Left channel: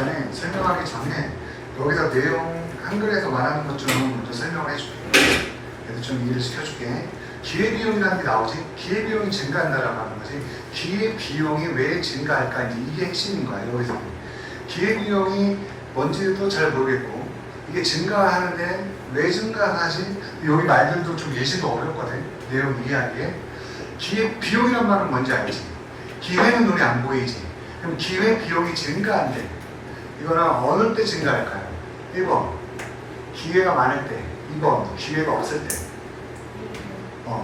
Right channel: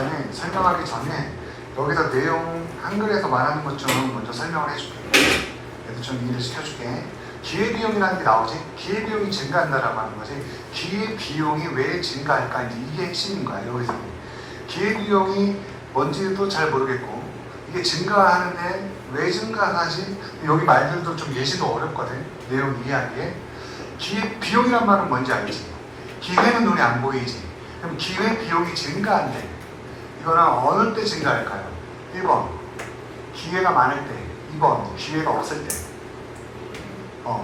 일단은 설명하기 전에 여기서 내용 한글에서 말하는 것 좀 먼저 설명을 해줄게. 그래서 좀 이해를 시켜줄게. 기회비용이라는 게 나오지. 기회비용이 증가한다라고 하는 거지. 기회비용이 왜 증가할까, 이제 이게 핵심인 거야. 여기서 기회비용이 뭔지도 잘 모르겠고, 이게 증가하는데 왜 증가하지? 여기 말들도 좀 예시도 어렵거든, 내용 이해하기에. 기회비용이란 말은 뭔지 알지? 기회는 눈에 안 보이지. 그럼 기회비용이 증가한대. 이거는 어느 때 증가할까요? 1번 기회가 많을 때, 2번 기회가 없을 때.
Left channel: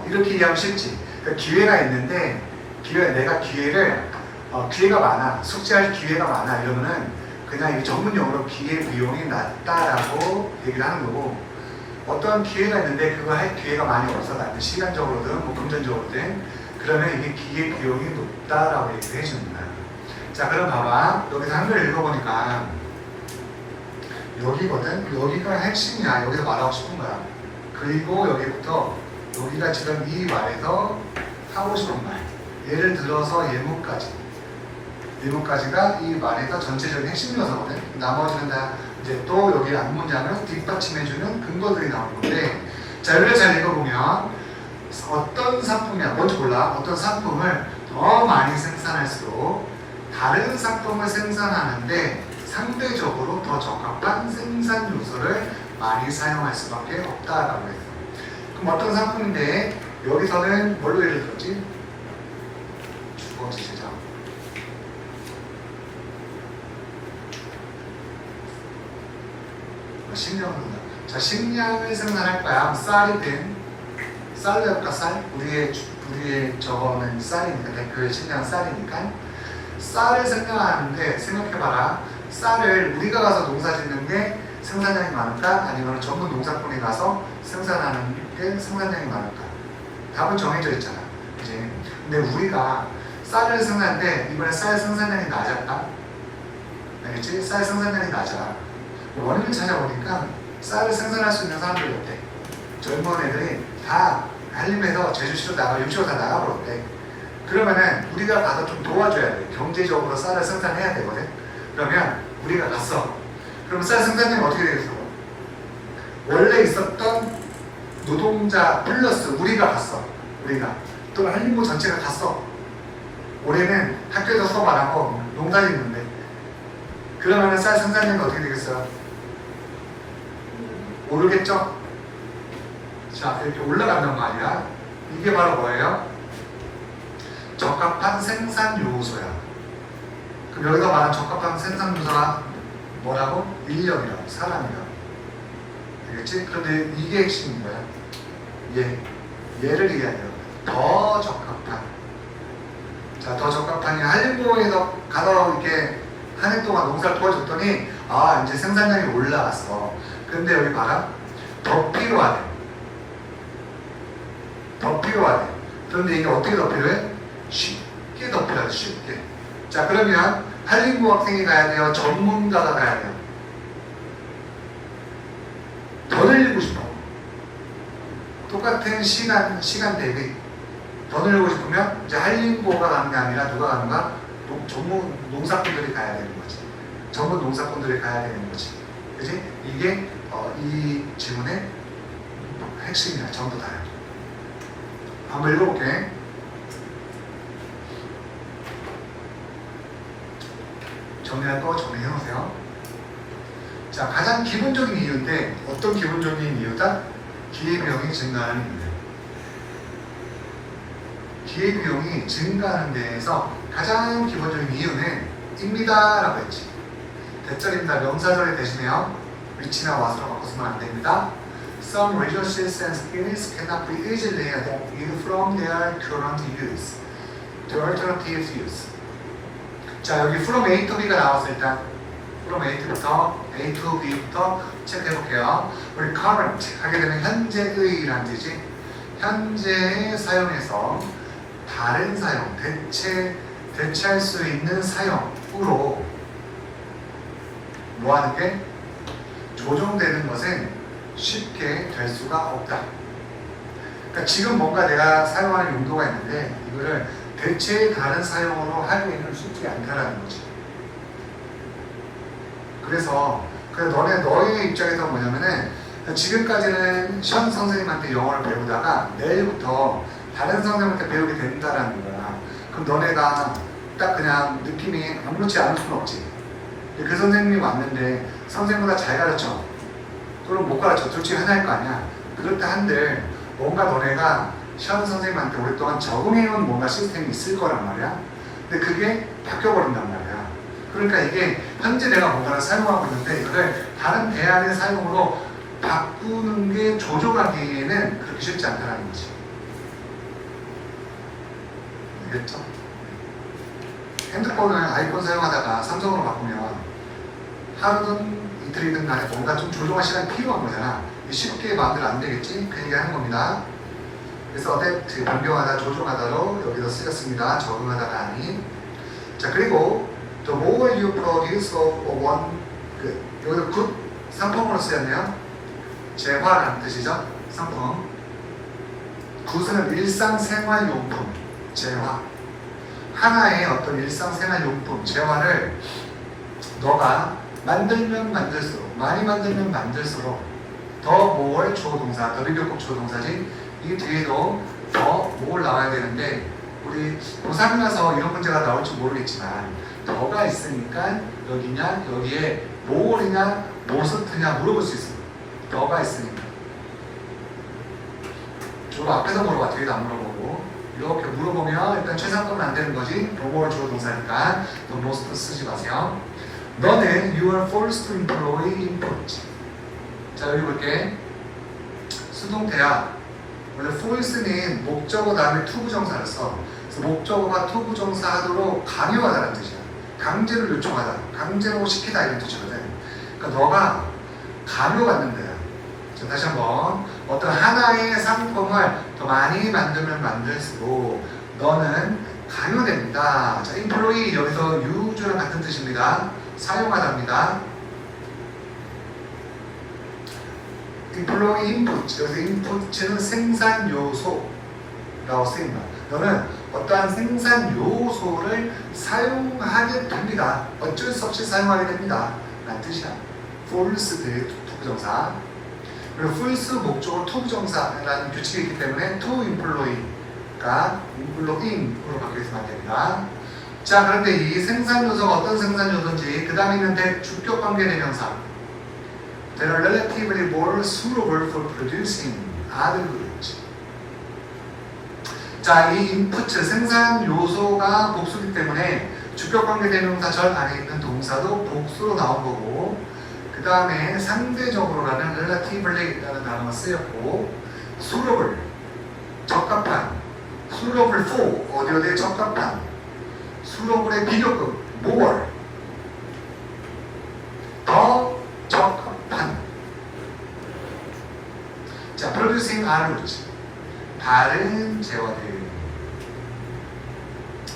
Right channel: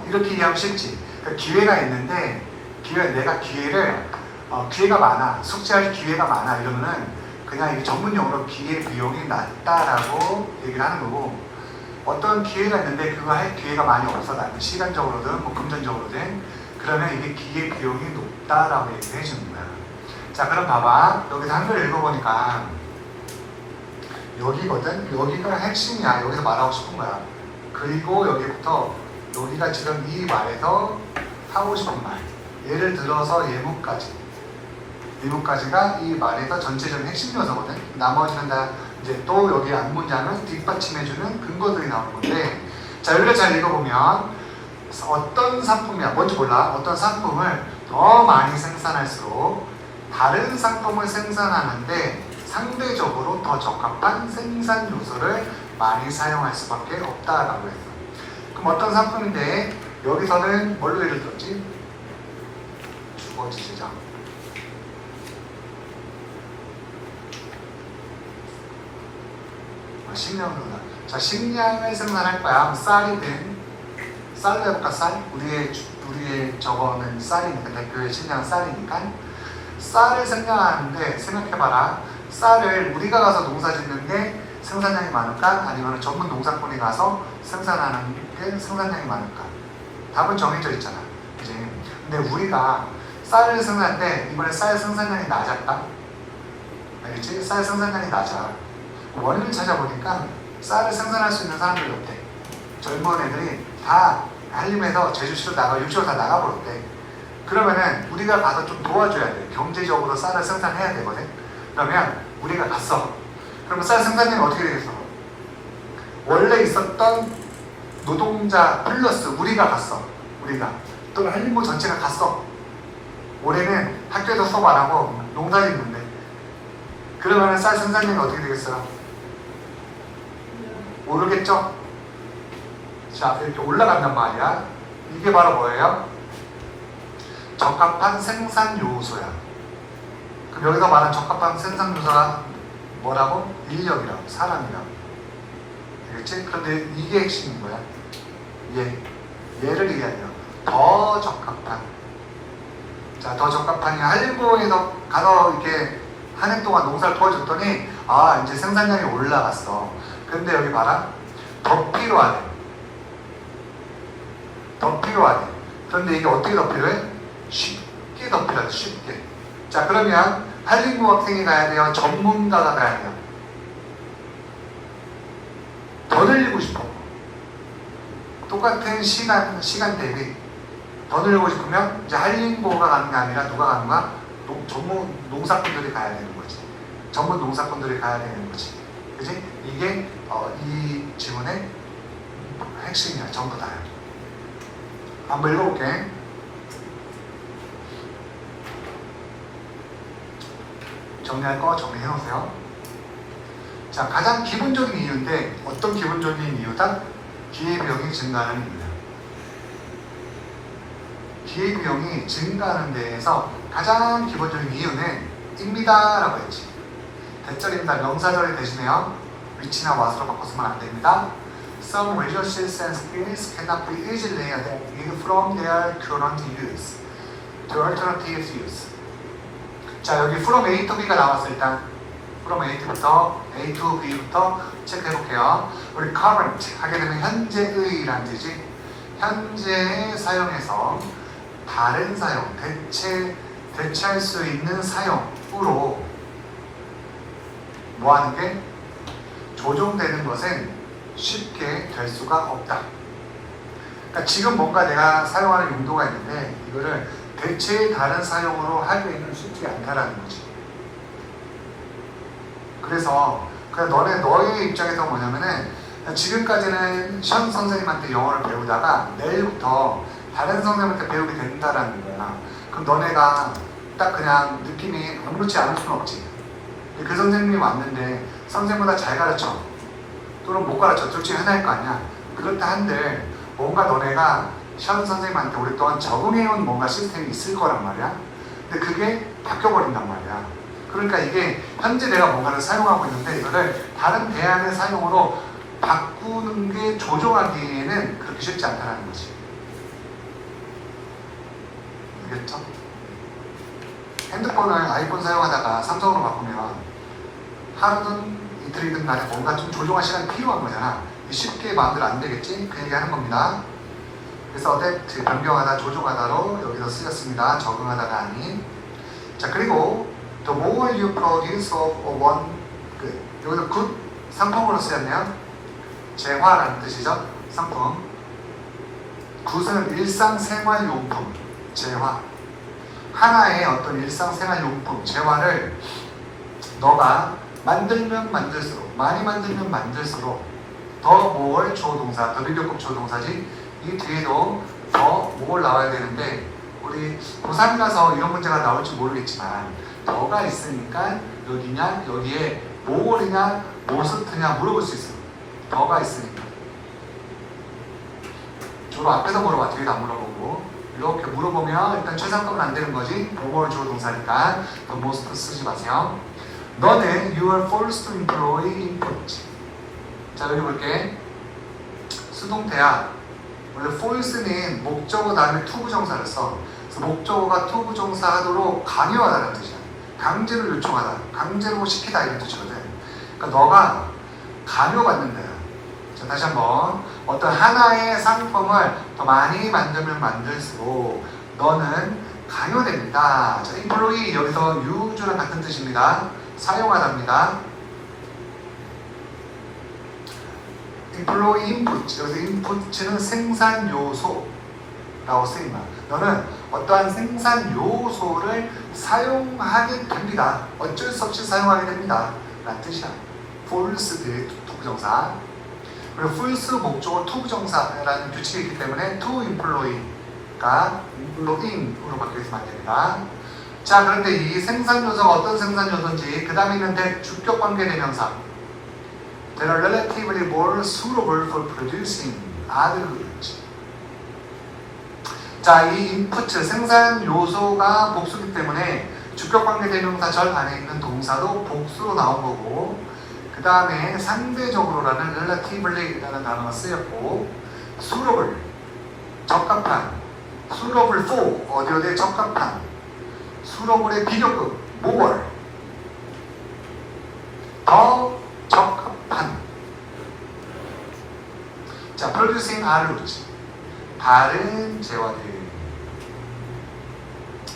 이렇게 이해하면 쉽지. 그러니까 기회가 있는데, 내가 기회가 많아, 숙제할 기회가 많아 이러면은 그냥 이 전문용어로 기회비용이 낮다라고 얘기를 하는 거고, 어떤 기회가 있는데 그거 할 기회가 많이 없어, 나한테 시간적으로든 뭐 금전적으로든, 그러면 이게 기회비용이 높다라고 얘기를 해주는 거야. 자, 그럼 봐봐. 여기서 한글 읽어보니까 여기거든. 여기가 핵심이야. 여기서 말하고 싶은 거야. 그리고 여기부터 여기가 지금 이 말에서 하고 싶은 말, 예를 들어서 예문까지가 이 말에서 전체적인 핵심 요소거든. 나머지는 다 이제 또 여기 앞문장을 뒷받침해주는 근거들이 나오는 건데, 자, 여기를 잘 읽어보면 어떤 상품이야, 뭔지 몰라. 어떤 상품을 더 많이 생산할수록 다른 상품을 생산하는데 상대적으로 더 적합한 생산 요소를 많이 사용할 수밖에 없다라고 해서. 그럼 어떤 상품인데, 여기서는 뭘로 예를 들었지? 주거지 제작. 식량을. 자, 식량을 생산할 거야. 쌀이든, 쌀로 해볼까? 쌀? 우리의 저거는 쌀이니까, 대표의 식량은 쌀이니까. 쌀을 생산하는데 생각해봐라. 쌀을 우리가 가서 농사 짓는 게 생산량이 많을까? 아니면 전문 농사꾼이 가서 생산하는 게 생산량이 많을까? 답은 정해져 있잖아, 그지? 근데 우리가 쌀을 생산하는데 이번에 쌀 생산량이 낮았다? 알겠지? 쌀 생산량이 낮아. 원인을 찾아보니까 쌀을 생산할 수 있는 사람들이 없대. 젊은 애들이 다 한림에서 제주시로 나가, 육지로 다 나가버렸대. 그러면은 우리가 가서 좀 도와줘야 돼. 경제적으로 쌀을 생산해야 되거든. 그러면 우리가 갔어. 그러면 쌀 생산량이 어떻게 되겠어? 원래 있었던 노동자 플러스 우리가 갔어. 우리가 또는 한림부 전체가 갔어. 올해는 학교에서 수업 안 하고 농사 짓는데, 그러면은 쌀 생산량이 어떻게 되겠어요? 모르겠죠? 자, 이렇게 올라간단 말이야. 이게 바로 뭐예요? 적합한 생산 요소야. 그럼 여기서 말한 적합한 생산 요소가 뭐라고? 인력이라고, 사람이라고. 알겠지? 그런데 이게 핵심인 거야. 얘를 얘기하려. 더 적합한. 자, 더 적합한이 한림공에서 가서 이렇게 한 해 동안 농사를 도와줬더니, 아, 이제 생산량이 올라갔어. 근데 여기 봐라. 더 필요하대. 더 필요하대. 그런데 이게 어떻게 더 필요해? 쉽게 더 필요하대. 쉽게. 자, 그러면 한림고 학생이 가야 돼요? 전문가가 가야 돼요? 더 늘리고 싶어. 똑같은 시간 대비 더 늘리고 싶으면 이제 한림고가 가는 게 아니라 누가 가는가? 전문 농사꾼들이 가야 되는 거지. 전문 농사꾼들이 가야 되는 거지. 그지? 이게 이 지문의 핵심이야. 전부 다야. 한번 읽어볼게. 정리할 거 정리해놓으세요. 자, 가장 기본적인 이유인데, 어떤 기본적인 이유다? 기회비용이 증가하는 이유예요. 기회비용이 증가하는 데에서 가장 기본적인 이유는 입니다 라고 했지. 대절입니다. 명사절이 대신해요. 위치나 what으로 바꿔서는 안 됩니다. Some resources and skills cannot be easily adapted from their current use to alternative use. 자, 여기 from A to B가 나왔어. 일단 from A to B부터 체크해볼게요. 우리 current 하게 되면 현재의라는 뜻이지. 현재의 사용에서 다른 사용, 대체할 수 있는 사용으로 뭐하는 게? 조정되는 것은 쉽게 될 수가 없다. 그러니까 지금 뭔가 내가 사용하는 용도가 있는데 이거를 대체의 다른 사용으로 하기에는 쉽지 않다라는 거지. 그래서 너의 입장에서 뭐냐면은 지금까지는 션 선생님한테 영어를 배우다가 내일부터 다른 선생님한테 배우게 된다라는 거야. 그럼 너네가 딱 그냥 느낌이 아무렇지 않을 수는 없지. 그 선생님이 왔는데 선생님보다 잘 가르쳐 또는 못 가르쳐 둘 중에 하나일 거 아니야. 그렇다 한들 뭔가 너네가 션 선생님한테 오랫동안 적응해온 뭔가 시스템이 있을 거란 말이야. 근데 그게 바뀌어버린단 말이야. 그러니까 이게 현재 내가 뭔가를 사용하고 있는데 이거를 다른 대안의 사용으로 바꾸는 게 조종하기에는 그렇게 쉽지 않다는 거지. 알겠죠? 핸드폰을 아이폰 사용하다가 삼성으로 바꾸면 하루든 이틀이든 간에 뭔가 좀 조종할 시간이 필요한 거잖아. 쉽게 마음대로 안 되겠지? 그 얘기 하는 겁니다. 그래서 어댑트, 변경하다, 조종하다로 여기서 쓰였습니다. 적응하다가 아닌. 자, 그리고 the more you produce of one, 여기서 good 상품으로 쓰였네요. 재화라는 뜻이죠. 상품. 굿은 일상생활용품, 재화. 하나의 어떤 일상생활용품, 재화를 너가 만들면 만들수록, 많이 만들면 만들수록 더 more 조동사, 더 비교급 조동사지. 이 뒤에도 더 more 나와야 되는데 우리 고3이라서 이런 문제가 나올지 모르겠지만 더가 있으니까 여기냐 여기에 more냐 more냐 물어볼 수 있어. 더가 있으니까 주로 앞에서 물어봐. 뒤에도 안 물어보고 이렇게 물어보면 일단 최상급은 안 되는 거지. more 조동사니까 the most 쓰지 마세요. 너는 you are forced to employ input. 자, 여기 볼게. 수동태야. 원래 force는 목적어 다음에 to 부정사를 써. 그래서 목적어가 to 부정사 하도록 강요하다는 뜻이야. 강제로 요청하다, 강제로 시키다 이런 뜻이거든. 그러니까 너가 강요받는 거야. 자, 다시 한번. 어떤 하나의 상품을 더 많이 만들면 만들수록 너는 강요됩니다. 자, employ 여기서 use랑 같은 뜻입니다. 사용하다입니다. employ input, 여기서 input는 생산 요소라고 쓰입니다. 너는 어떠한 생산 요소를 사용하게 됩니다. 어쩔 수 없이 사용하게 됩니다. 라는 뜻이야. force 뒤에 투부정사. 그리고 force 목적어 투부정사라는 규칙이 있기 때문에 to employ가 employing으로 바뀌어 있으면 안 됩니다. 자, 그런데 이 생산 요소가 어떤 생산 요소인지 그 다음에 있는 주격 관계 대명사 They are relatively more suitable for producing other goods. 자, 이 input 생산 요소가 복수기 때문에 주격 관계 대명사 절 안에 있는 동사도 복수로 나온 거고 그 다음에 상대적으로라는 relatively라는 단어가 쓰였고 suitable 적합한 suitable for 어디에 적합한 suitable의 비교급 more 더 적합한. 자, producing other goods 다른 재화들.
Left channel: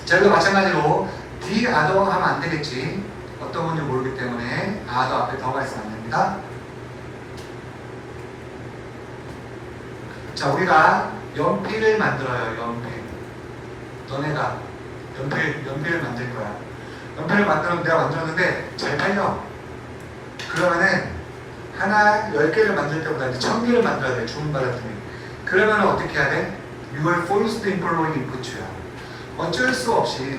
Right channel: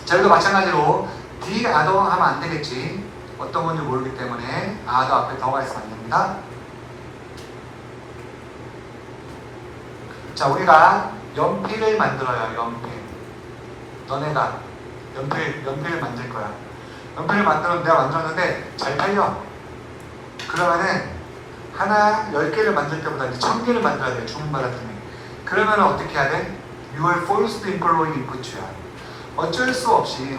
자, 여기도 마찬가지로 the other 하면 안 되겠지. 어떤 건지 모르기 때문에 other 앞에 더가 있으면 안 됩니다. 자, 우리가 연필을 만들어요. 연필. 너네가 연필을 만들 거야. 연필을 만들면 내가 만들었는데 잘 팔려. 그러면은 하나 10개를 만들 때보다 이제 1000개를 만들어야 돼. 주문받았더니. 그러면 어떻게 해야 돼? You are forced to employ input야. 어쩔 수 없이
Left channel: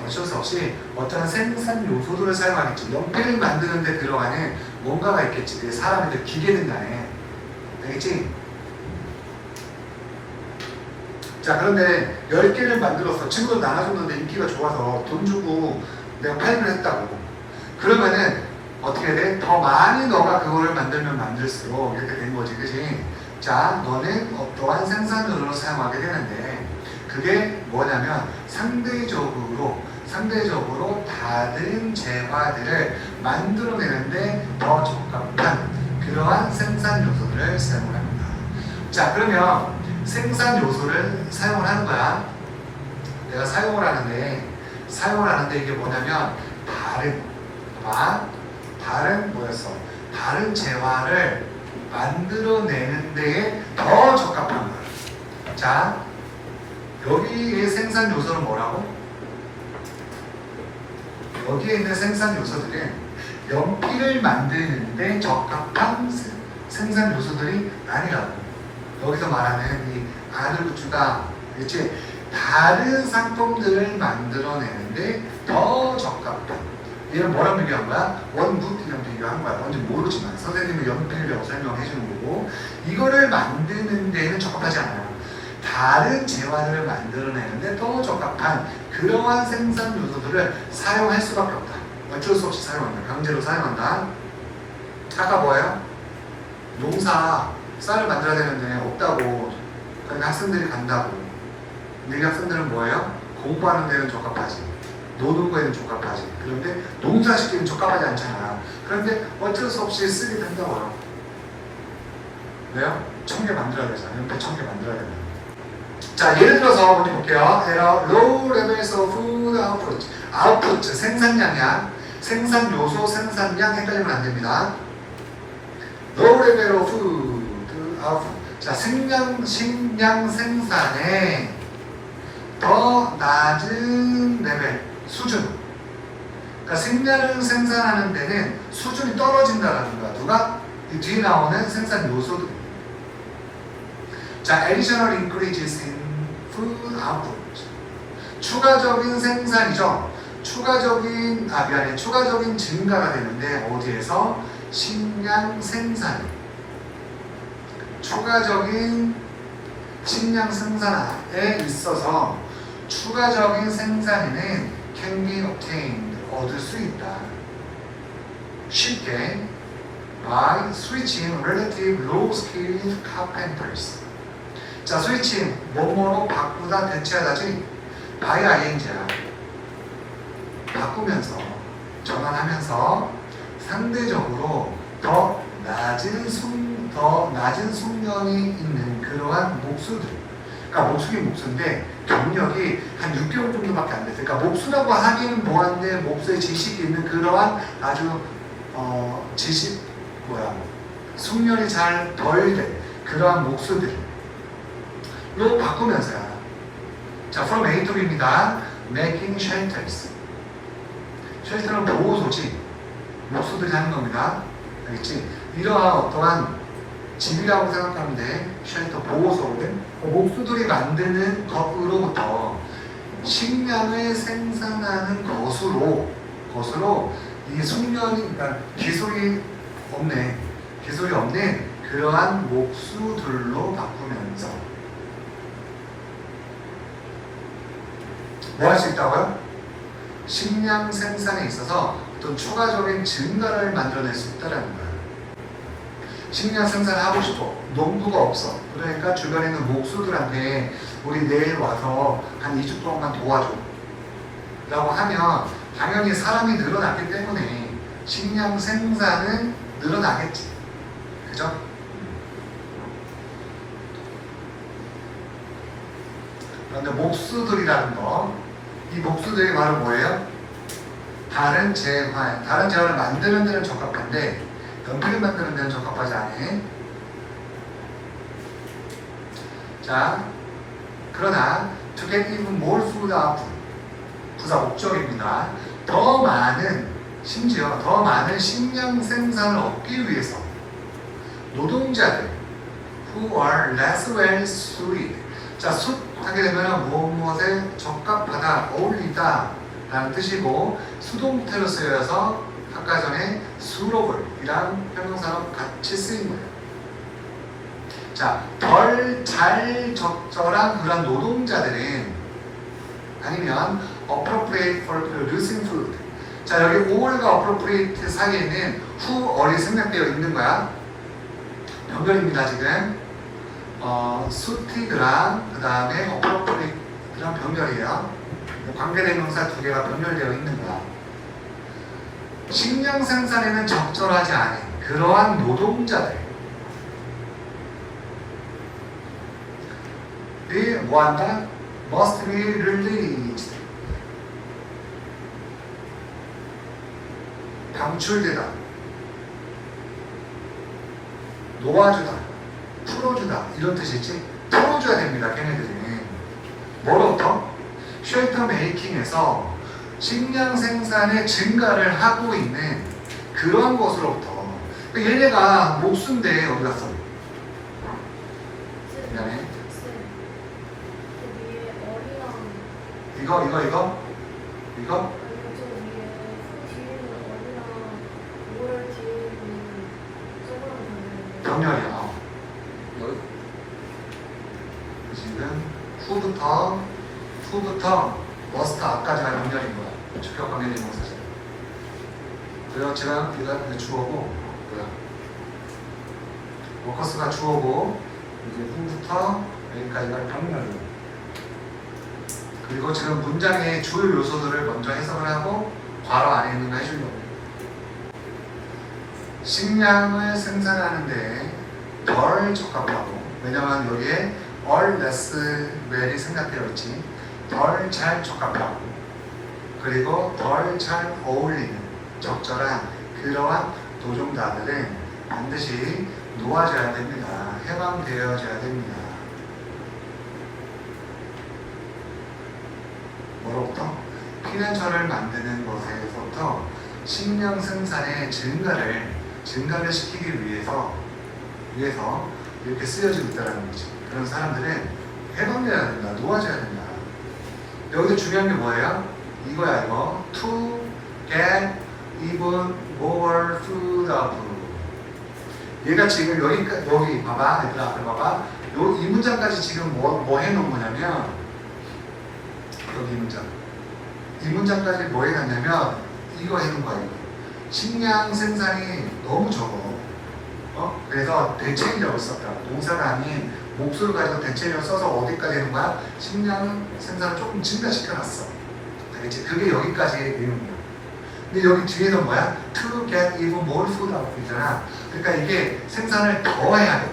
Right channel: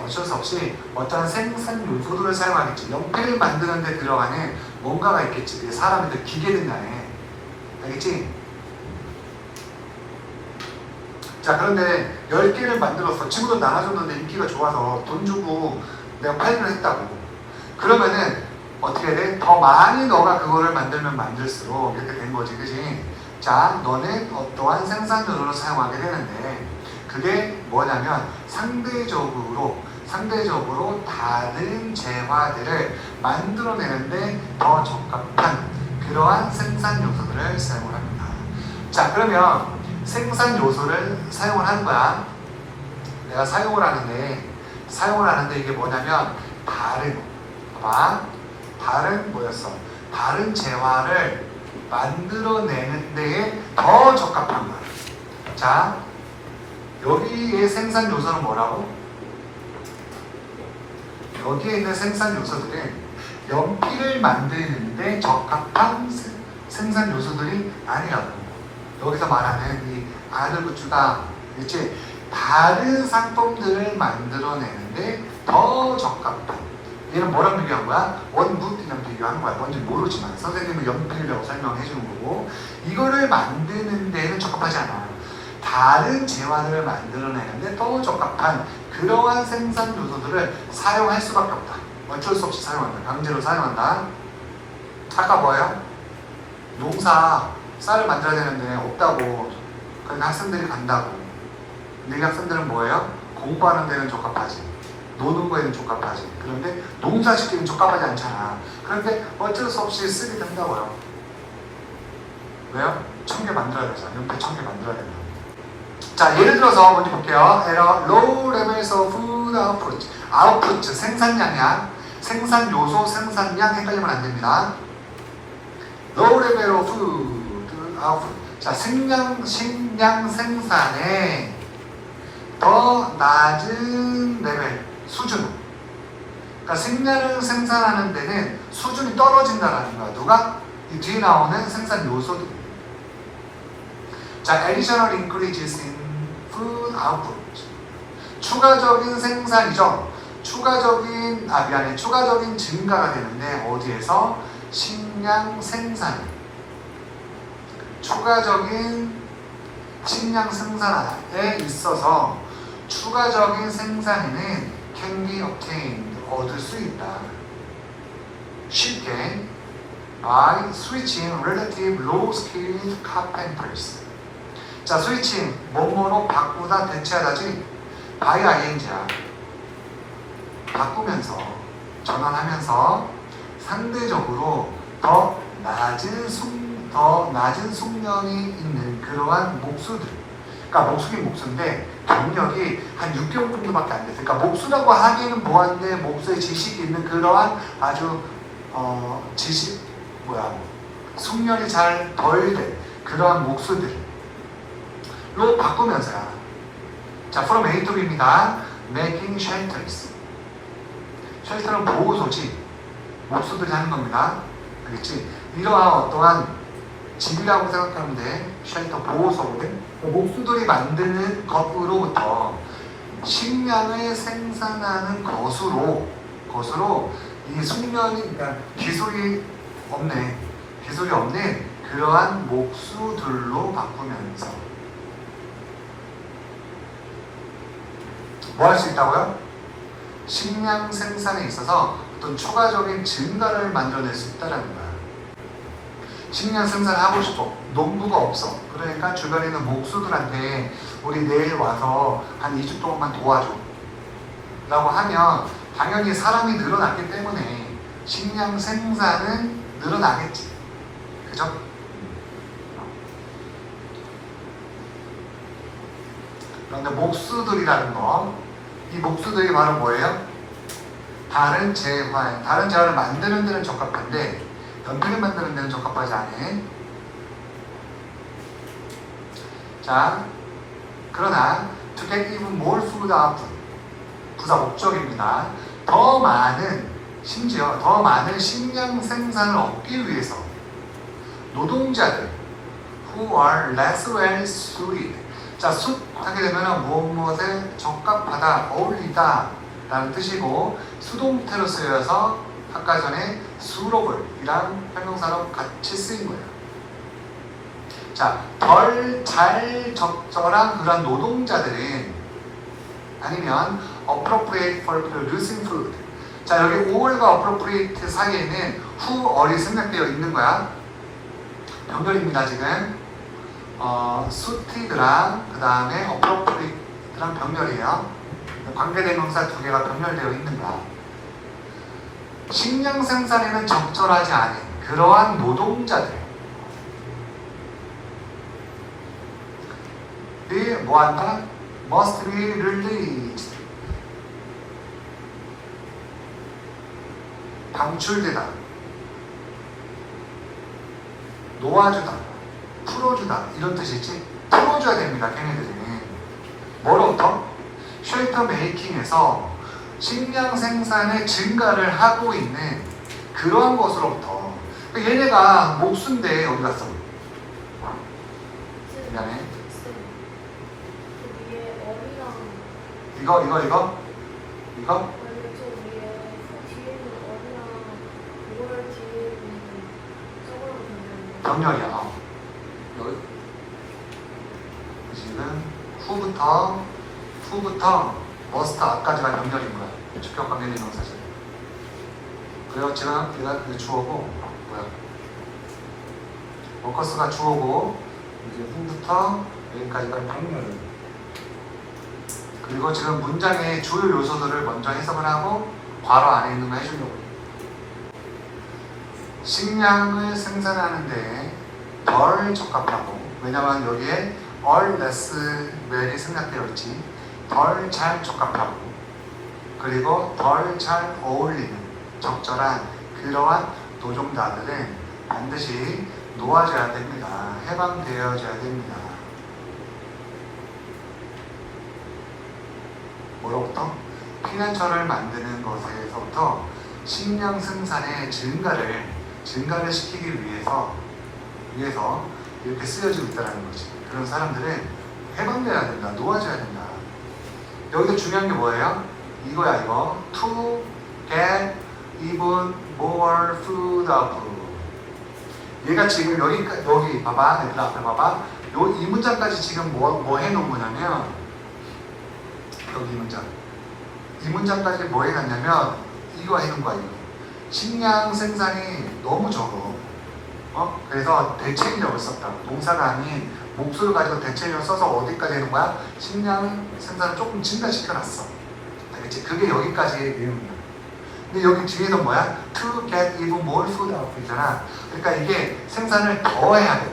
어떠한 생산 요소들을 사용하겠지. 연필을 만드는 데 들어가는 뭔가가 있겠지. 그게 사람이든 기계든 간에. 알겠지? 자, 그런데 10개를 만들었어. 친구들 나눠줬는데 인기가 좋아서 돈 주고 내가 팔기로 했다고. 그러면은 어떻게 해야 돼? 더 많이 너가 그거를 만들면 만들수록 이렇게 된 거지. 그치? 자, 너는 어떠한 생산 요소를 사용하게 되는데 그게 뭐냐면 상대적으로 다른 재화들을 만들어내는데 더 적합한 그러한 생산 요소들을 사용을 합니다. 자, 그러면 생산 요소를 사용을 하는 거야. 내가 사용을 하는데 이게 뭐냐면 다른 뭐였어? 다른 재화를 만들어내는 데에 더 적합한 거야. 자, 여기에 생산 요소는 뭐라고? 여기에 있는 생산 요소들은 연필을 이를 만드는데 적합한 생산 요소들이 아니라고. 여기서 말하는 이 아들구추가 그치? 다른 상품들을 만들어내는데 더 적합한, 얘는 뭐랑 비교한 거야? 원굿이랑 비교한 거야. 뭔지 모르지만 선생님은 연필이라고 설명해 주는 거고, 이거를 만드는 데는 적합하지 않아요. 다른 재화를 만들어내는데 더 적합한 그러한 생산 요소들을 사용할 수밖에 없다. 어쩔 수 없이 사용한다. 강제로 사용한다. 아까 뭐예요? 농사 쌀을 만들어야 되는데 없다고 그러니까 학생들이 간다고. 근데 이 학생들은 뭐예요? 공부하는 데는 적합하지, 노는 거에는 적합하지. 그런데 농사 짓기는 적합하지 않잖아. 그런데 어쩔 수 없이 쓰게 된다고요. 왜요? 1000개 만들어야 되잖아. 연필 1000개 만들어야 되잖아. 자, 예를 들어서 먼저 볼게요. Low levels of food output. output, 생산량이야. 생산 요소, 생산량 헷갈리면 안 됩니다. Low level of food output. 자, 식량 생산에 더 낮은 레벨, 수준. 그러니까 식량을 생산하는 데는 수준이 떨어진다라는 거야. 누가? 이 뒤에 나오는 생산 요소들. 자, additional increases in food output. 추가적인 생산이죠. 추가적인 증가가 되는데 어디에서? 식량 생산. 추가적인 식량 생산에 있어서 추가적인 생산에는 can be obtained, 얻을 수 있다. 쉽게 by switching relative low-skilled carpenters. 자, switching, 뭐뭐로 바꾸다, 대체하다지 by ing야. 바꾸면서, 전환하면서 상대적으로 더 낮은 숙련이 있는 그러한 목수들. 그러니까 목수긴 목수인데 경력이 한 6개월 정도밖에 안 됐어요. 그러니까 목수라고 하기는 뭐한데 목수의 지식이 있는 그러한 아주 숙련이 잘 덜 된 그러한 목수들로 바꾸면서야. 자, from A to B입니다. Making shelters. 쉘터는 보호소지. 목수들이 하는 겁니다. 알겠지? 이러한 어떠한 집이라고 생각하면 돼. 쉘터, 보호소거든. 목수들이 만드는 것으로부터 식량을 생산하는 것으로 이 숙련이, 그러니까 기술이 없는 그러한 목수들로 바꾸면서 뭐 할 수 있다고요? 식량 생산에 있어서 어떤 추가적인 증가를 만들어낼 수 있다는 거야. 식량 생산하고 싶어. 농부가 없어. 그러니까 주변에 있는 목수들한테 우리 내일 와서 한 2주 동안만 도와줘 라고 하면 당연히 사람이 늘어났기 때문에 식량 생산은 늘어나겠지. 그죠? 그런데 목수들이라는 거, 이 목수들이 바로 뭐예요? 다른 재화를 만드는 데는 적합한데 연필을 만드는 데는 적합하지 않은. 자, 그러나 to get even more food output, 부사 목적입니다. 심지어 더 많은 식량 생산을 얻기 위해서 노동자들 who are less well suited. 자, 하게 되면 무엇에 적합하다, 어울리다 라는 뜻이고 수동태로 쓰여서 아까 전에 suitable 이란 형용사로 같이 쓰인 거예요. 자, 덜 잘 적절한 그런 노동자들은 아니면 appropriate for producing food. 자, 여기 all과 appropriate 사이에는 whoall이 생략되어 있는 거야. 병렬입니다, 지금. suited랑 그 다음에 appropriate랑 병렬이에요. 관계대명사 두 개가 병렬되어 있는 거야. 식량 생산에는 적절하지 않은 그러한 노동자들이 뭐한다? must be released. 방출되다, 놓아주다, 풀어주다 이런 뜻이지. 풀어줘야 됩니다. 걔네들은 뭐로부터? 쉘터 메이킹에서 식량 생산의 증가를 하고 있는 그러한 것으로부터. 그러니까 얘네가 목수인데 어디 갔어? 미안해. 이거? 병렬이야. 여기. 지금 후부터 머스트 앞까지가 병렬인 거야. 주격 관계된 명사죠. 그리고 지금 이거 주어고 뭐야? 워커스가 주어고 이제 후부터 여기까지가 병렬. 그리고 지금 문장의 주요 요소들을 먼저 해석을 하고 괄호 안에 있는 거 해주려고. 식량을 생산하는데 덜 적합하고, 왜냐면 여기에 all less well이 생략되어 있지. 덜 잘 적합하고, 그리고 덜 잘 어울리는 적절한 그러한 노동자들은 반드시 놓아져야 됩니다. 해방되어져야 됩니다. 뭐로부터? 피난처를 만드는 것에서부터 식량 생산의 증가를 시키기 위해서 이렇게 쓰여지고 있다는 거지. 그런 사람들은 해방돼야 된다. 놓아져야 된다. 여기서 중요한 게 뭐예요? 이거야 이거. To get even more food out. 얘가 지금 여기 봐봐. 얘들아 앞에 봐봐. 이 문장까지 지금 뭐 해놓은 거냐면, 여기 이 문장까지 뭐 해놨냐면 이거 해놓은 거야. 이거. 식량 생산이 너무 적어. 그래서 대체인력을 썼다. 동사가 아닌 목소를 가지고 대체인력을 써서 어디까지 해놓은 거야? 식량 생산을 조금 증가시켜놨어. 알겠지? 그게 여기까지의 내용이야. 근데 여기 뒤에서 뭐야? To get even more food out 이잖아. 그러니까 이게 생산을 더 해야 돼.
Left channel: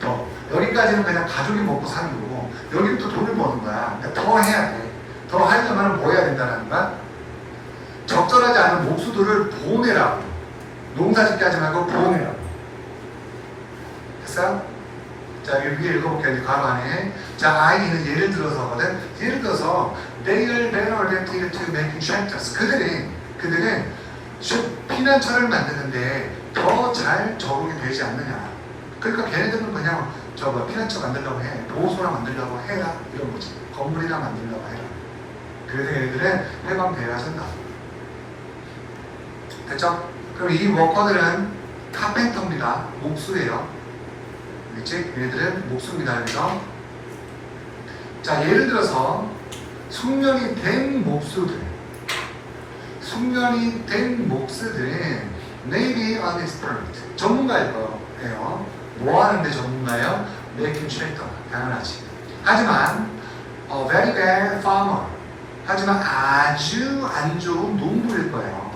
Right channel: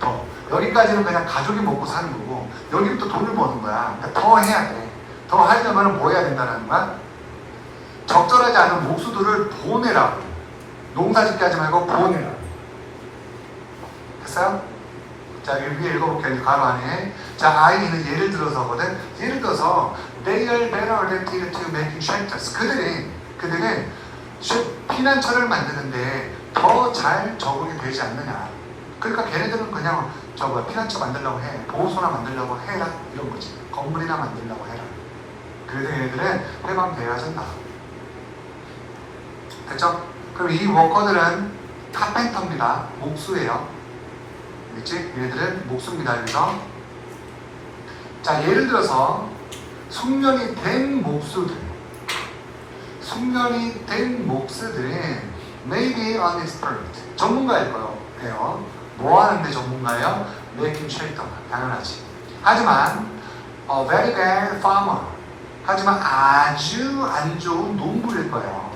더. 여기까지는 그냥 가족이 먹고 사는 거고, 여기부터 돈을 버는 거야. 그러니까 더 해야 돼. 더 하려면 뭐 해야 된다는 거야? 적절하지 않은 목수들을 보내라고. 농사 짓게 하지 말고 보내라고. 됐어요? 자, 여기 위에 읽어볼게요. 괄호 안에. 자, 아이는 예를 들어서거든. 예를 들어서 they are better adapted to making shelters. 그들은 피난처를 만드는데 더 잘 적응이 되지 않느냐. 그러니까 걔네들은 그냥 피난처 만들려고 해. 보호소나 만들려고 해라. 이런 거지. 건물이나 만들려고 해라. 그래서 얘네들은 해방되어야 한다. 됐죠? 그럼 이 워커들은 카펜터입니다. 목수예요. 그렇지? 얘네들은 목수입니다. 여기서. 자, 예를 들어서 숙련이 된 목수들은 maybe an expert. 전문가일 거예요. 뭐 하는데 전문가예요? Making shelter. 당연하지. 하지만 a very bad farmer. 하지만 아주 안 좋은 농부일 거예요.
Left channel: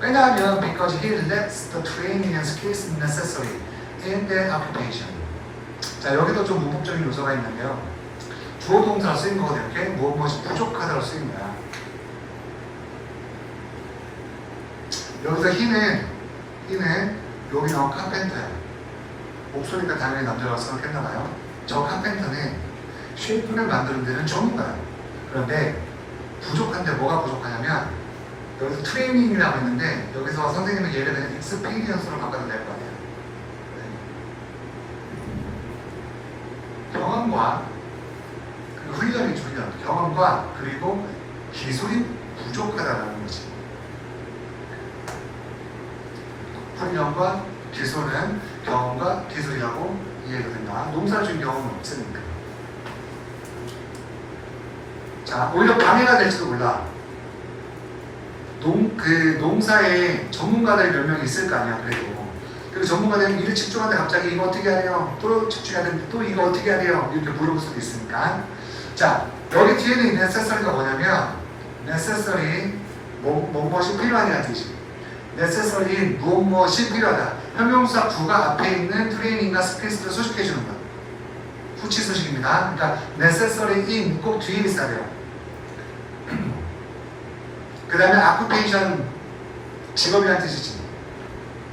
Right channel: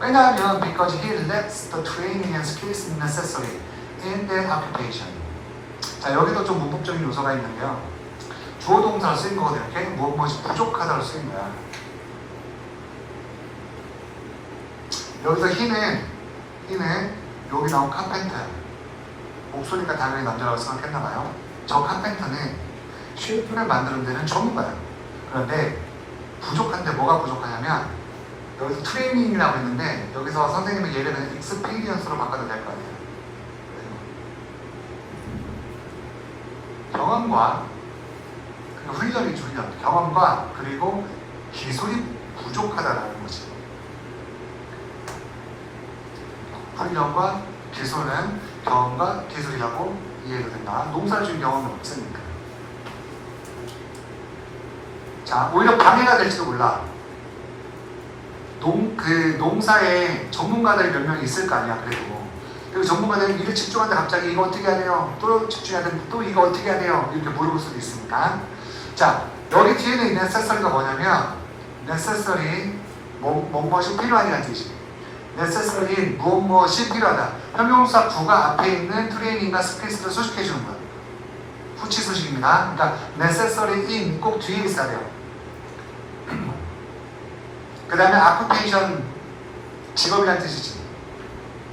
왜냐하면 because he lacks the training and skills necessary in that occupation. 자, 여기도 좀 문법적인 요소가 있는데요. 주어 동사로 쓰인 거거든요. 이렇게 무엇이 부족하다고 쓰인 거야. 여기서 he는 여기 나온 카펜터예요. 목소리가 당연히 남자라고 생각했나봐요. 저 카펜터는 쉐이프를 만드는 데는 전문가예요. 그런데 부족한데 뭐가 부족하냐면, 여기서 트레이닝이라고 했는데 여기서 선생님은 예를 들면 익스피리언스로 바꿔도 될 거 아니에요. 경험과 훈련이죠. 경험과 그리고 기술이 부족하다는 거지. 훈련과 기술은 경험과 기술이라고 이해가 된다. 농사를 준 경험은 없으니까. 자, 오히려 방해가 될지도 몰라. 농사에 전문가들이 몇 명 있을 거 아니야. 그리고 전문가들이 일을 집중하는데 갑자기 이거 어떻게 해야 돼요? 또 집중해야 되는데 또 이거 어떻게 해야 돼요? 이렇게 물어볼 수도 있으니까. 자, 여기 뒤에는 있는 necessary가 뭐냐면, necessary 무엇이 필요하냐는 뜻이. necessary 무엇이 필요하다. 형용사 구가 앞에 있는 트레이닝과 스킬스를 수식해 주는 거야. 후치 수식입니다. 그러니까 necessary in 꼭 뒤에 있어야 돼요. 그 다음에 occupation 직업이라는 뜻이지.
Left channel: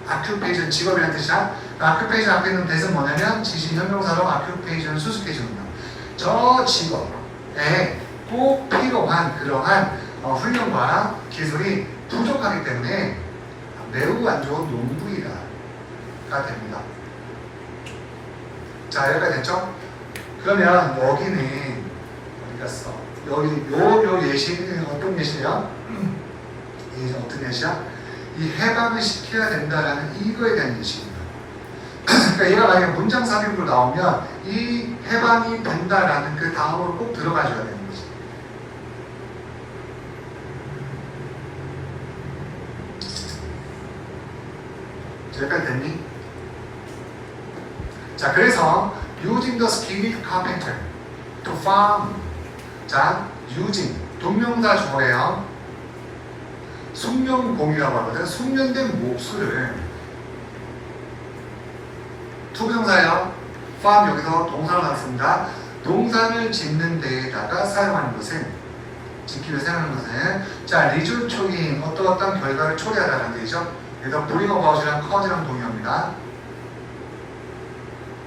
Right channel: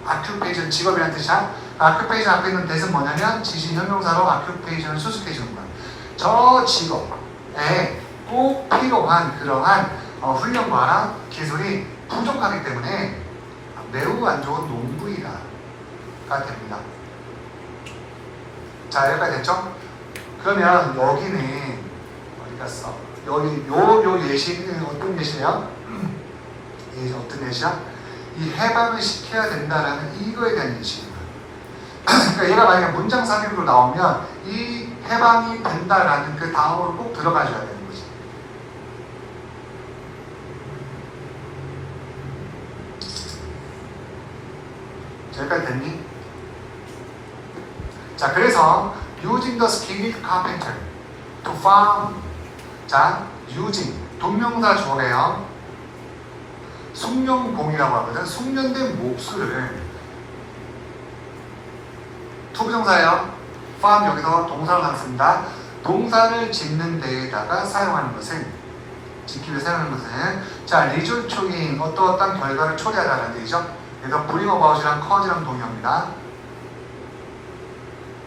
occupation 직업이라는 뜻이야. occupation 앞에 있는 뜻은 뭐냐면 지시 형용사로 occupation을 수식해 주는 거야. 저 직업에 꼭 필요한 그러한 훈련과 기술이 부족하기 때문에 매우 안 좋은 농부이다가 됩니다. 자, 여기까지 됐죠? 그러면 여기는 어디 갔어? 여기 요 예시는 어떤 예시냐? 이 어떤 예시야? 이 해방을 시켜야 된다라는 이거에 대한 예시입니다. 그러니까 얘가 만약에 문장 삽입으로 나오면 이 해방이 된다라는 그 다음으로 꼭 들어가줘야 되는 거지. 여기까지 됐니? 자, 그래서 using the skilled carpenter to farm. 자, using 동명사 주어예요. 숙련공이라고 하거든. 숙련된 목수를 투부정사예요. farm 여기서 동사를 나왔습니다. 동사를 짓는 데에다가 사용하는 것은 짓기 위해 사용하는 것은 자, resulting 어떠한 결과를 초래하다는 뜻이죠. 그래서 bring about이랑 cause랑 동의어입니다.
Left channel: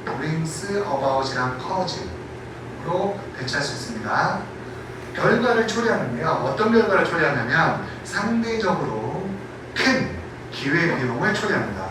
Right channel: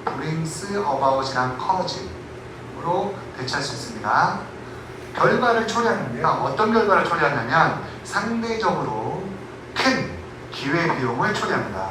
brings about이랑 cause로 대체할 수 있습니다. 결과를 초래하는데요. 어떤 결과를 초래하냐면 상대적으로 큰 기회비용을 초래합니다.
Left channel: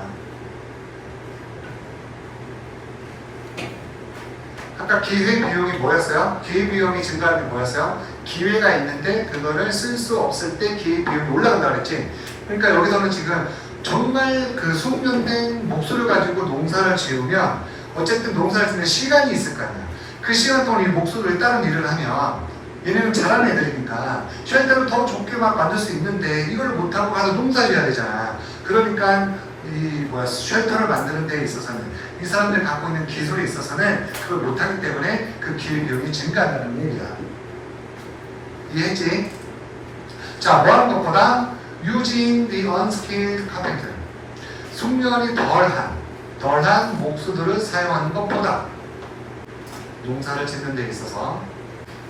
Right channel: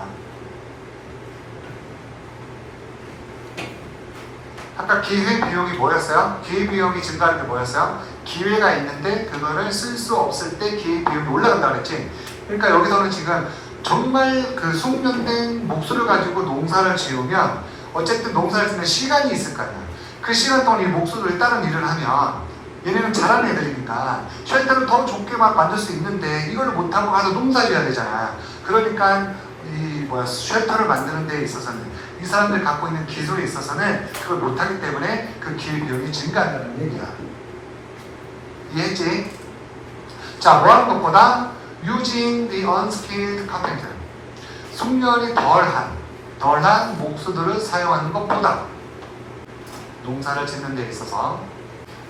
아까 기회비용이 뭐였어요? 기회비용이 증가하는 게 뭐였어요? 기회가 있는데 그거를 쓸 수 없을 때 기회비용이 올라간다고 그랬지. 그러니까 여기서는 지금 정말 그 숙련된 목수를 가지고 농사를 지으면 어쨌든 농사를 짓는 시간이 있을 거 아니야. 그 시간 동안 이 목수들이 다른 일을 하면 얘네는 잘하는 애들이니까 쉘터를 더 좋게 막 만들 수 있는데 이걸 못하고 가서 농사 지어야 되잖아. 그러니까 이 쉘터를 만드는 데 있어서는 이 사람들이 갖고 있는 기술에 있어서는 그걸 못하기 때문에 그 기회비용이 증가한다는 얘기야. 이해했지? 자, 뭐 하는 것보다 using the unskilled carpenter 숙련이 덜한 목수들을 사용하는 것보다 농사를 짓는 데 있어서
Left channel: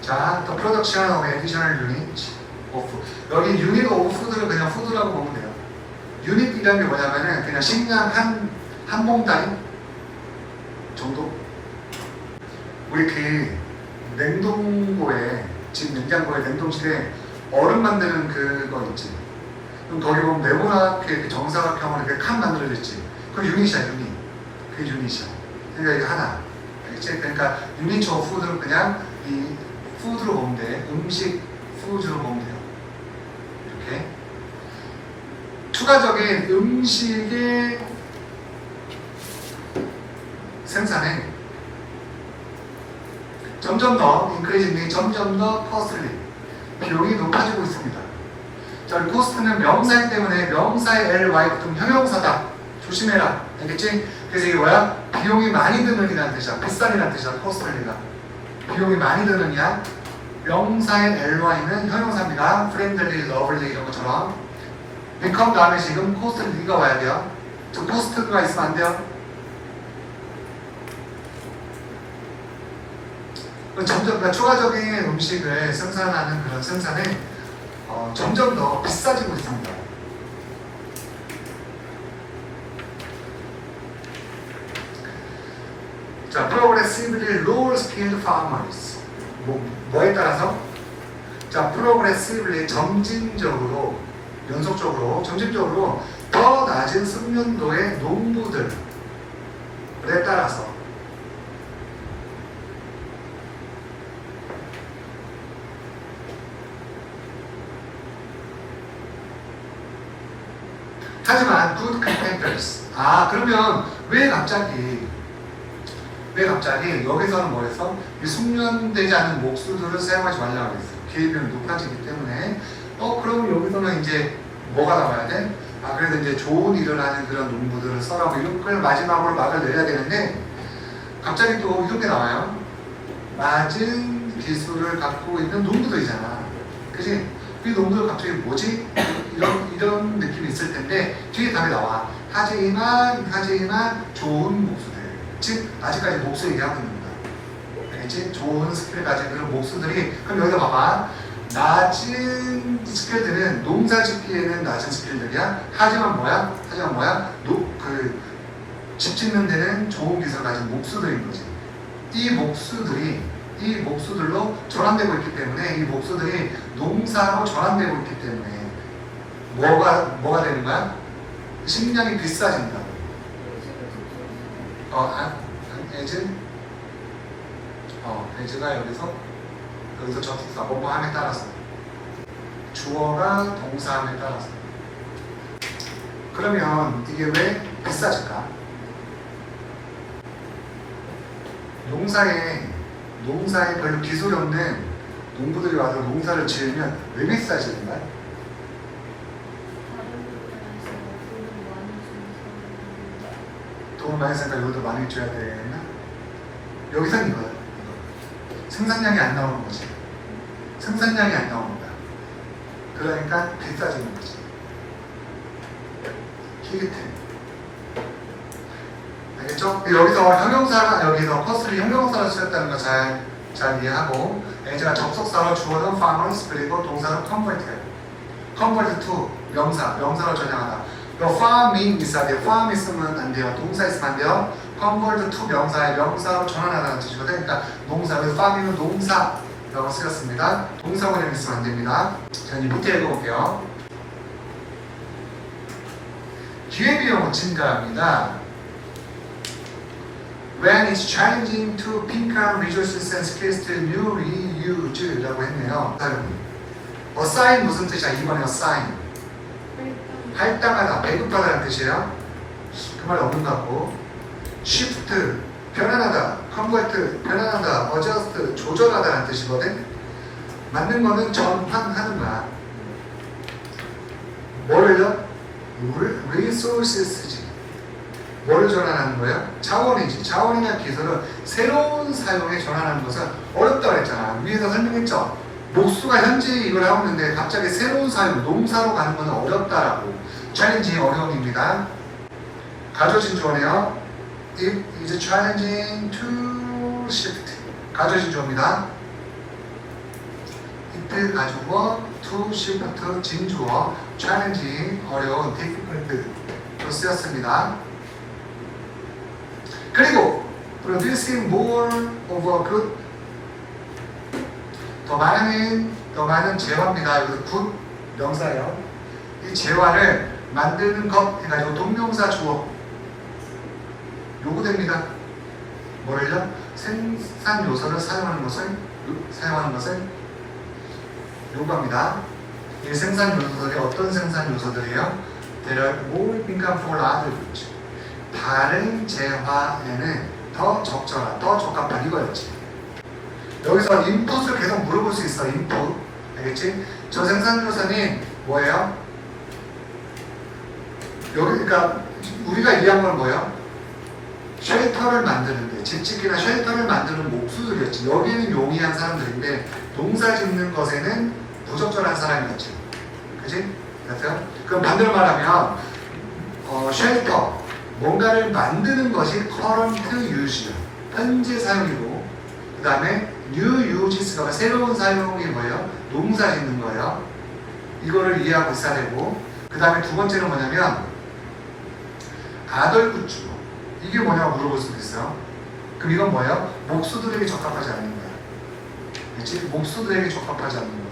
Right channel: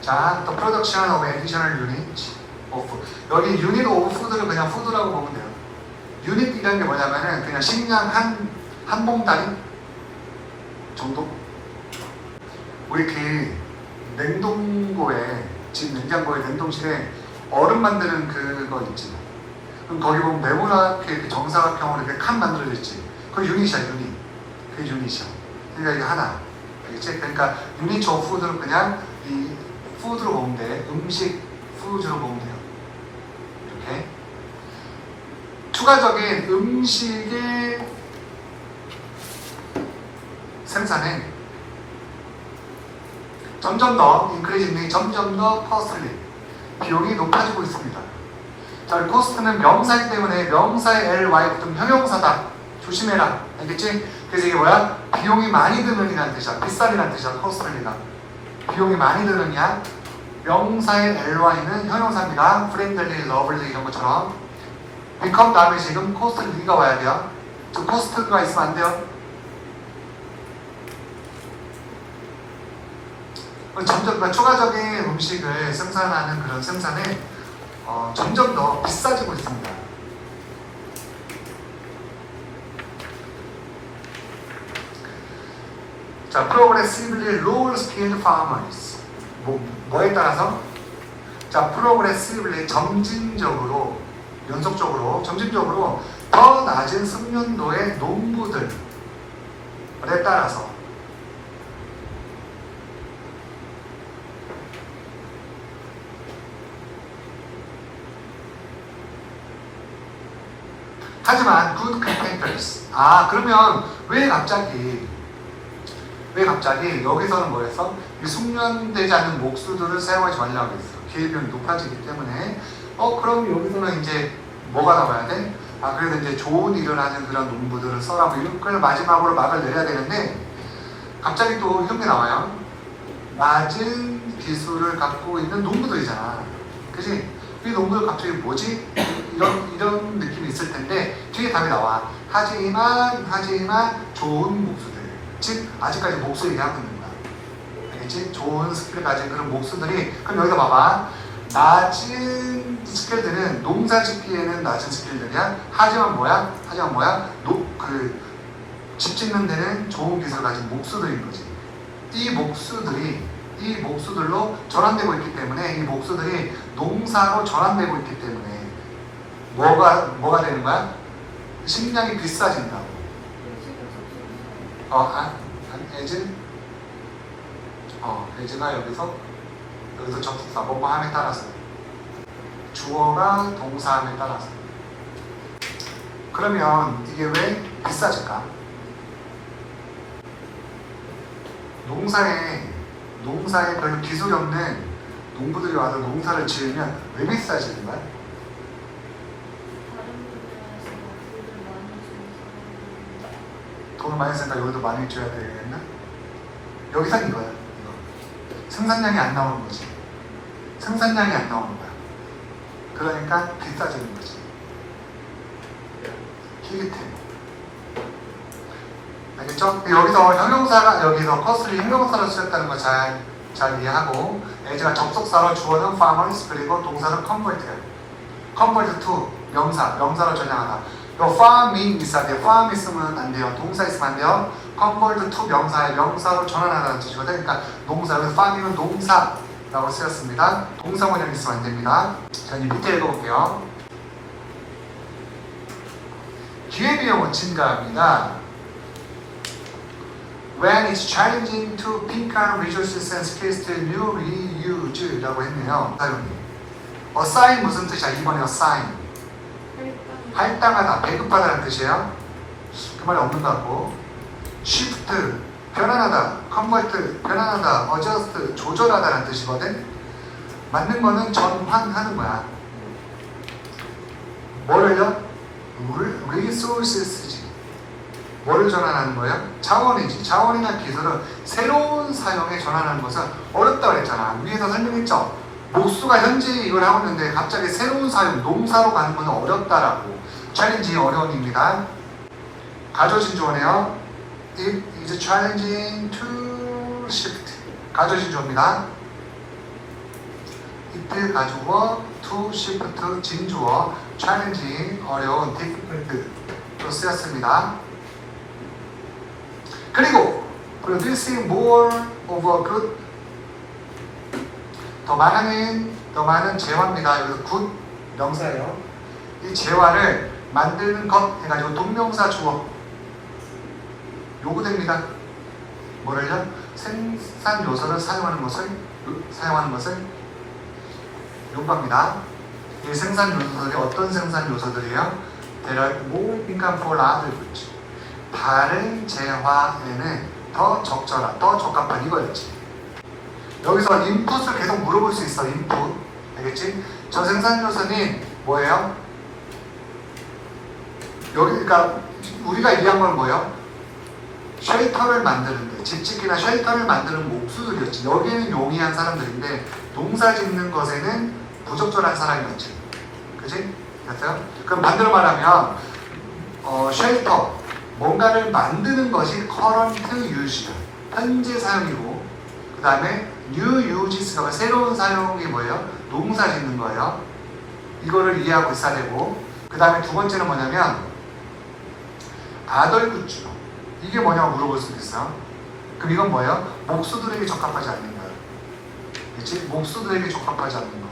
자, the production of additional unit of 여기 unit of food를 그냥 food라고 보면 돼요. unit이라는 게 뭐냐면은 그냥 식량 한 봉다리 정도? 우리 그 냉동고에 집 냉장고에 냉동실에 얼음 만드는 그거 있지. 그럼 거기 보면 네모나게 정사각형으로 이렇게 칸 만들어져 있지. 그게 유닛이야, 유닛. 그게 유닛이야. 그러니까 이거 하나. 알겠지? 그러니까 유닛 오브 푸드는 그냥 이 푸드로 보면 돼. 음식 푸드로 보면 돼요. 이렇게. 추가적인 음식의 생산에 점점 더 increasingly 점점 더 costly 비용이 높아지고 있습니다. 자, 코스트는 명사이기 때문에 명사의 ly 붙으면 형용사다. 조심해라. 알겠지? 그래서 이게 뭐야? 비용이 많이 드는 이라는 뜻이야. 비싼이라는 뜻이야. costly가. 비용이 많이 드는 이야. 명사의 ly는 형용사입니다. friendly, lovely 이런 것처럼. become 다음에 지금 costly가 와야 돼요. 저 cost가 있으면 안 돼요. 점점 추가적인 음식을 생산하는 그런 생산에 점점 더 비싸지고 있습니다. 자, progressively lower skilled farmers. 뭐에 따라서? 자, progressively 점진적으로, 연속적으로, 점진적으로 더 낮은 숙련도의 농부들에 따라서 하지만 good carpenters. 그러면 왜 갑자기 여기서는 뭐였어? 이 숙련되지 않은 목수들을 사용하지 말라고 했어. 기회비용이 높아지기 때문에. 그럼 여기서는 이제 뭐가 나와야 돼? 그래도 이제 좋은 일을 하는 그런 농부들을 써라고 이런 걸 마지막으로 막을 내려야 되는데 갑자기 또 이런 게 나와요. 낮은 기술을 갖고 있는 농부들이잖아. 그치? 이 농부들 갑자기 뭐지? 이런 느낌이 있을 텐데 뒤에 답이 나와. 하지만 좋은 목수들, 즉 아직까지 목수 얘기하고 있는 거야. 알겠지? 좋은 스킬을 가진 그런 목수들이. 그럼 여기다 봐봐. 낮은 스킬들은 농사 짓기에는 낮은 스킬들이야. 하지만 뭐야? 집 짓는 데는 좋은 기술을 가진 목수들인 거지. 이 목수들로 전환되고 있기 때문에 이 목수들이 농사로 전환되고 있기 때문에 뭐가 되는 거야? 식량이 비싸진다고. as가 여기서 접속사 뭐뭐함에 따라서 주어가 동사함에 따라서. 그러면 이게 왜 비싸질까? 농사에 별로 기술이 없는 농부들이 와서 농사를 지으면 왜 비싸지는 거야? 돈을 많이 쓰니까 여기도 많이 줘야 되겠나? 여기선 이거야. 이거. 생산량이 안 나오는 거지. 생산량이 안 나오는 거야. 그러니까 비싸지는 거지. 히기트. 알겠죠? 여기서 커스를 형용사로 쓰였다는 거 잘 이해하고, as가 접속사로 주어는 farmers 그리고 동사는 convert to 명사로 전향하다. 요 farming 있어야 돼요. farm 있으면 안 돼요. 동사 있으면 안 돼요. convert to 명사로 전환하다는 뜻이거든요. 그러니까 여기서 farming은 동사라고 쓰였습니다. 동사 원형 있으면 안 됩니다. 자, 이제 밑에 읽어볼게요. 기회비용은 증가합니다. When it's challenging to pick up resources and skills to new reuse 라고 했네요. assign 무슨 뜻이야? 이번에 assign 할당하다, 배급하다는 뜻이에요. 그 말이 없는 것 같고, shift 변환하다, convert 변환하다, adjust 조절하다는 뜻이거든. 맞는 거는 전환하는 거야. 뭐를요? resources지. 뭐를 전환하는 거예요? 자원이지. 자원이나 기술은 새로운 사용에 전환하는 것은 어렵다고 그랬잖아. 위에서 설명했죠? 목수가 현재 이걸 하고 있는데 갑자기 새로운 사용, 농사로 가는 것은 어렵다라고. 챌린지 어려움입니다. 가져진 주어네요. It is challenging to shift. 가져진 주어입니다. it 가주어, to shift 진주어, challenging 어려운, difficult로 쓰였습니다. 그리고 producing more of a good 더 많은 재화입니다. 여기서 good 명사예요. 이 재화를 만드는 것 해가지고 동명사 주어 요구됩니다. 뭐를요? 생산 요소를 사용하는 것을 요구합니다. 이 생산 요소들이 어떤 생산 요소들이에요? There are more income for other goods. 다른 재화에는 더 적절한, 더 적합한 이거였지. 여기서 인풋을 계속 물어볼 수 있어. 인풋. 알겠지? 저 생산 요소는 뭐예요? 그러니까 우리가 이해한 건 뭐예요? 쉘터를 만드는데, 집짓기나 쉘터를 만드는 목수들이었지. 여기는 용이한 사람들인데 농사 짓는 것에는 부적절한 사람이었지. 그치? 됐어요? 그럼 반대로 말하면 쉘터, 뭔가를 만드는 것이 current use야. 현재 사용이고, 그 다음에 new uses가 새로운 사용이 뭐예요? 농사 짓는 거예요. 이거를 이해하고 있어야 되고, 그 다음에 두 번째는 뭐냐면 아덜굿즈. 이게 뭐냐고 물어볼 수도 있어요. 그럼 이건 뭐예요? 목수들에게 적합하지 않는 거야. 그렇지? 목수들에게 적합하지 않는 거야.